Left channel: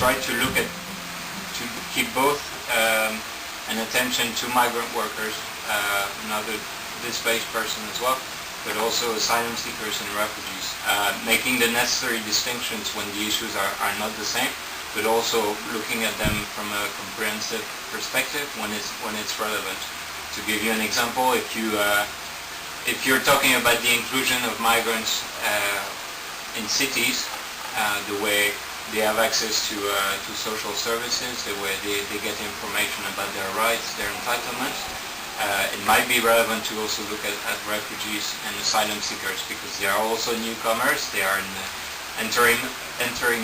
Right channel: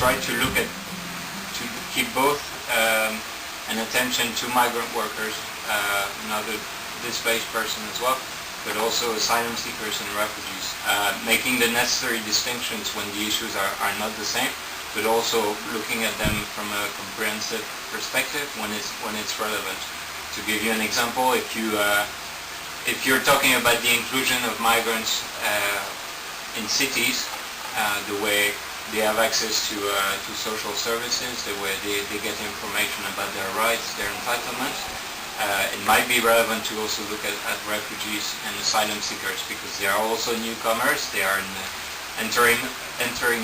try to look at, to keep both an attention to migrant workers, not a displaced person as well, but also asylum seekers and refugees, making the necessary distinctions when the issues are not the same, but also looking at them from a comprehensive perspective when it's relevant. To give you an example, if you're talking about the inclusion of migrants in cities, the way they have access to social services, the way they get information about their rights, their entitlements, it might be relevant to also look at refugees and asylum seekers, because they are also newcomers. They are entering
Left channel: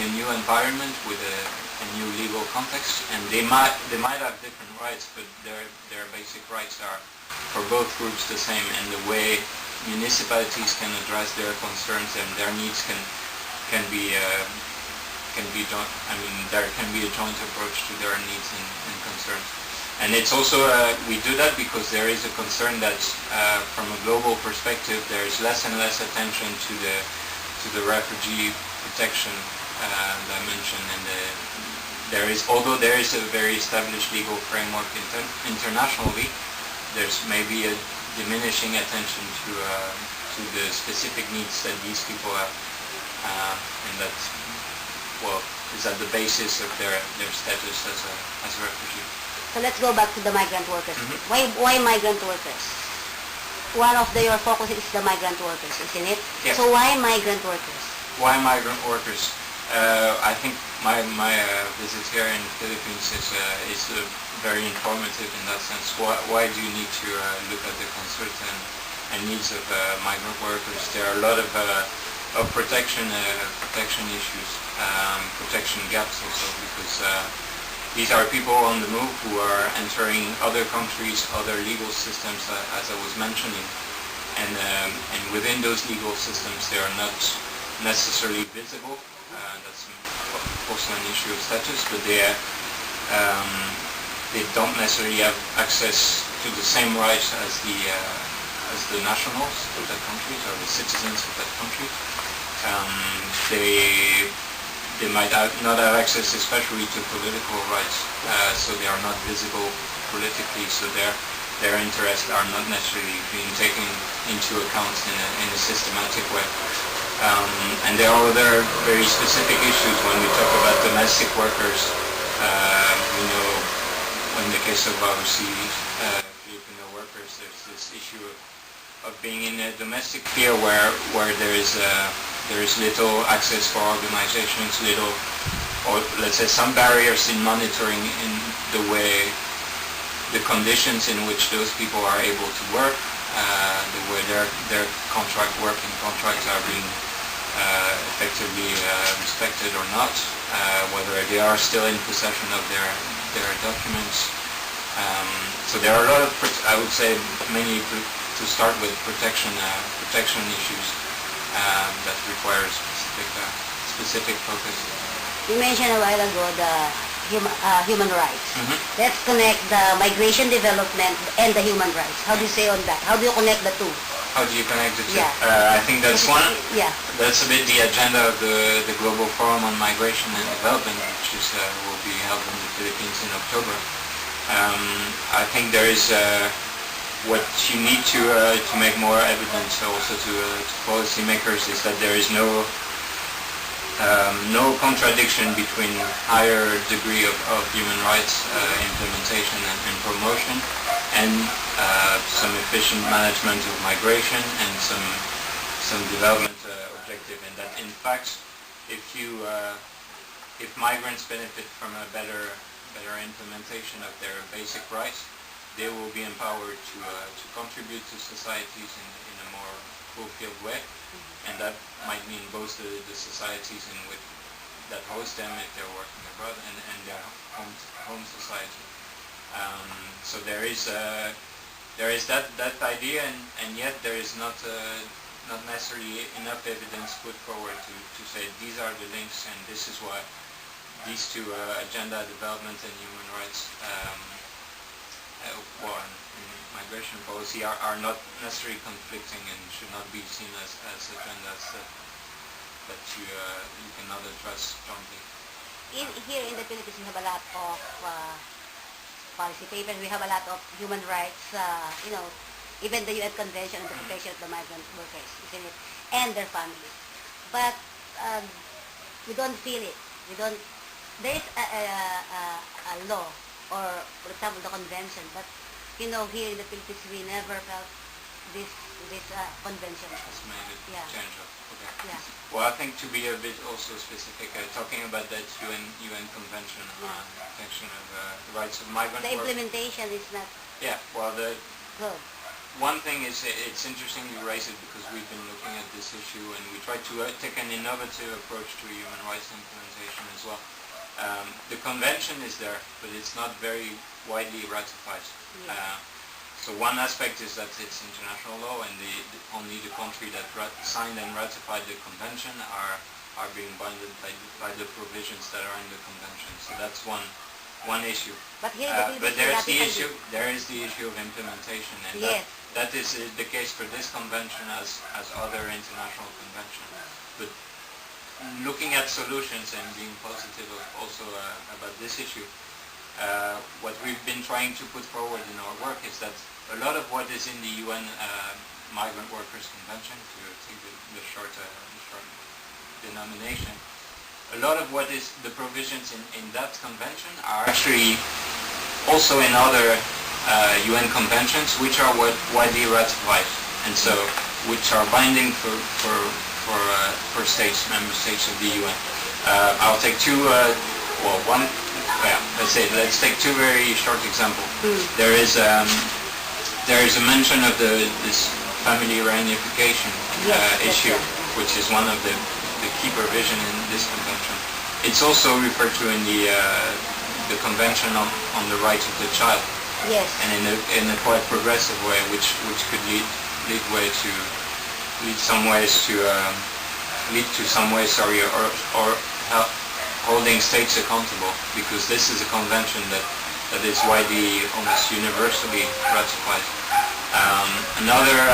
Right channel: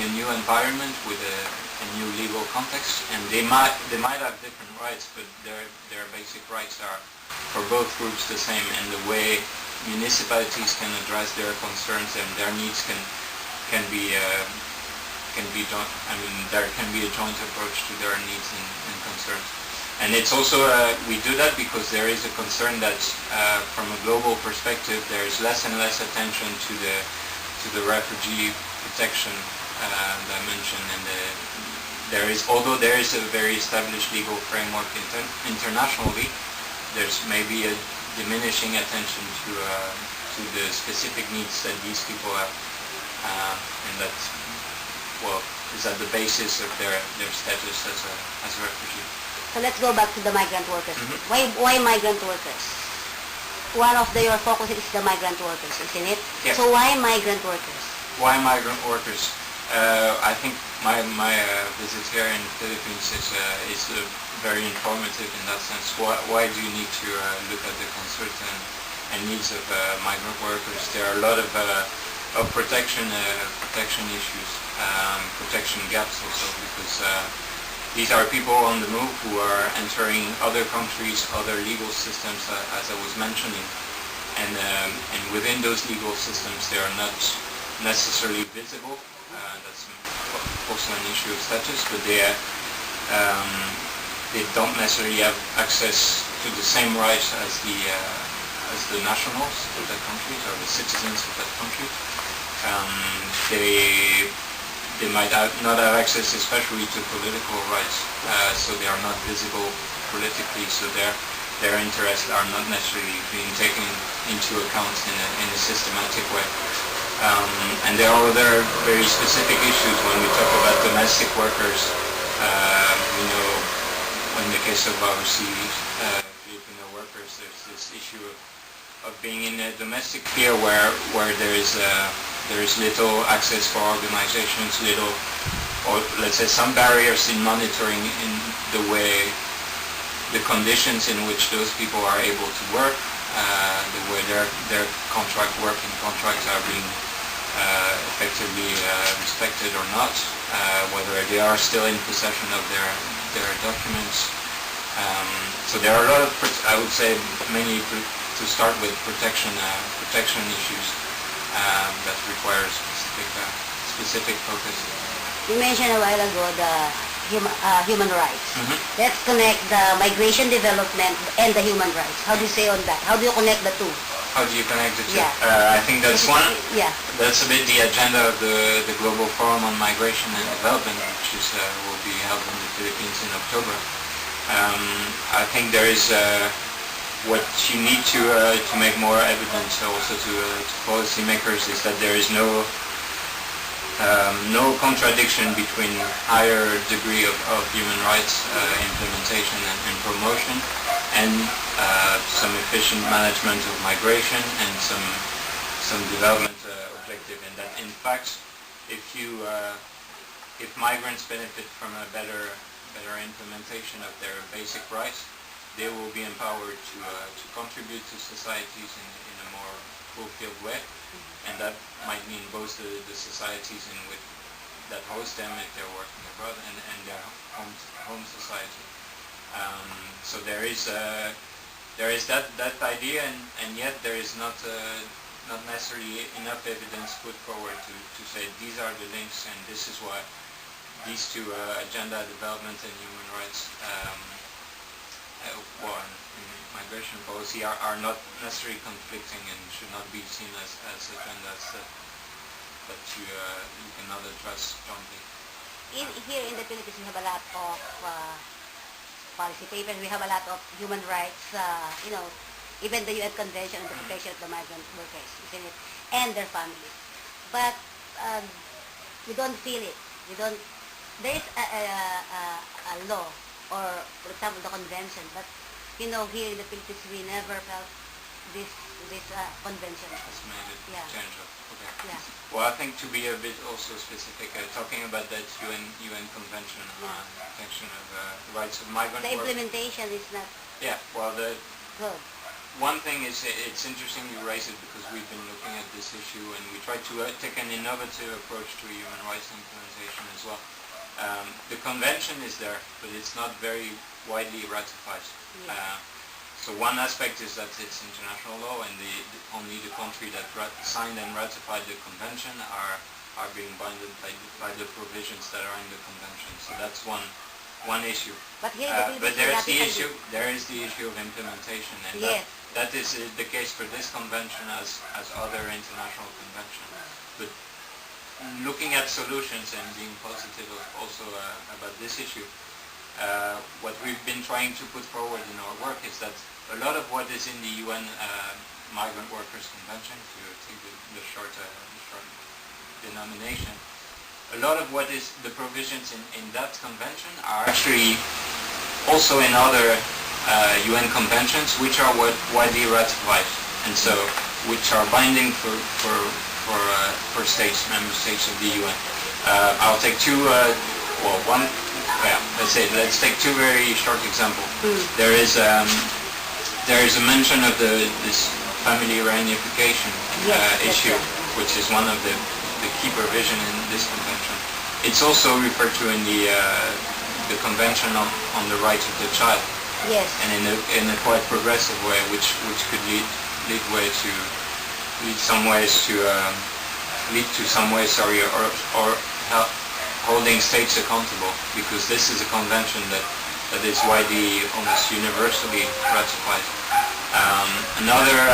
a new environment with a new legal context, and they might have different rights, but their basic rights are for both groups the same, and the way municipalities can address their concerns and their needs can be done. I mean, there can be a joint approach to their needs and concerns. And it's also, we do that because there is a concern that from a global perspective there is less and less attention to the refugee protection dimension, and although there is a very established legal framework internationally, there's maybe a diminishing attention to the specific needs that these people have, and that, well, is at the basis of their status as a refugee. So let's go back to the migrant workers. Mm-hmm. Why migrant workers? One of your focus is the migrant workers, isn't it? Yes. So why migrant workers? Why migrant workers? I think my visit here in the Philippines is very informative in that sense. Why do you need to look at the concerns and needs of migrant workers? There are a lot of protection issues, protection gaps also, because these are people on the move who are entering other countries, other legal systems, as I was mentioning, and within those legal systems they are not necessarily visible. That's also an issue of status, but they don't necessarily have access to the same rights as the nationals of that country or the citizens of that country. They might not have access, especially to political rights, so they are not visible politically, so their interests are not necessarily being taken into account in a systematic way. And there are other very specific issues when we talk about domestic workers. In the case of obviously Filipino workers, there's this issue of being in a domestic sphere where there is little access for organizations, or let's say some barriers in monitoring in the way, the conditions in which those people are able to work, the way their working contracts are being effectively respected or not, whether they are still in possession of their documents. So there are a lot of, I would say, mainly to start with protection issues that require specific focus. You mentioned a while ago the human rights. Mm-hmm. Let's connect the migration development and the human rights. How do you say on that? How do you connect the two? How do you connect the two? Yeah. I think that's one. Yeah. That's a bit the agenda of the Global Forum on Migration and Development, which will be held in the Philippines in October. I think there is what you need to make more evidence also to policymakers is that there is no contradiction between higher degree of human rights implementation and promotion, and some efficient management of migration and some development objective, and that in fact if migrants benefit from a better implementation of their basic rights, they will be empowered to contribute to societies in a more fulfilled way, and that might mean both the societies that host them if they're working abroad and their home society. So there is that idea, and yet there is not necessarily enough evidence put forward to say these are the links, and this is why these two agenda, development and human rights, and migration policy are not necessarily conflicting and should not be seen as agendas that you cannot address jointly. here in the Philippines, we have a lot of policy papers. We have a lot of human rights, even the UN Convention on the Protection of the Migrant Workers, isn't it? And their families. But we don't feel it. There is a law, or for example, the convention, but here in the Philippines, we never felt this convention. It's made it Yeah. tangible. Okay. Yeah. Well, I think to be a bit also specific, talking about that UN Convention on Protection of the Rights of Migrant The Workers. implementation is not Yeah. Well, good. one thing is, it's interesting you raise it because we've been looking at this issue and we try to take an innovative approach to human rights implementation as well. The convention is there, but it's not very widely ratified. Yeah. So one aspect is that it's international law, and only the country that signed and ratified the convention are being bounded by the provisions that are in the convention. So that's one issue. But here, But there is the issue of implementation, and Yes. that is the case for this convention as other international conventions. But looking at solutions and being positive also about this issue, what we've been trying to put forward in our work is that a lot of what is in the UN Migrant Workers Convention, to take the short denomination, a lot of what is the provisions in that convention are actually also in other UN conventions, which are widely ratified, and so which are binding for states, member states of the UN. I'll take two. Let's take two very short examples. There is a mention of this family reunification issue, which is one of the key provisions in this convention. It's also referred to in the Convention on the Rights of the Child. Yes. And in a quite progressive way, which could lead to some ways, or help holding states accountable, because this is a convention that is widely, almost universally ratified. Another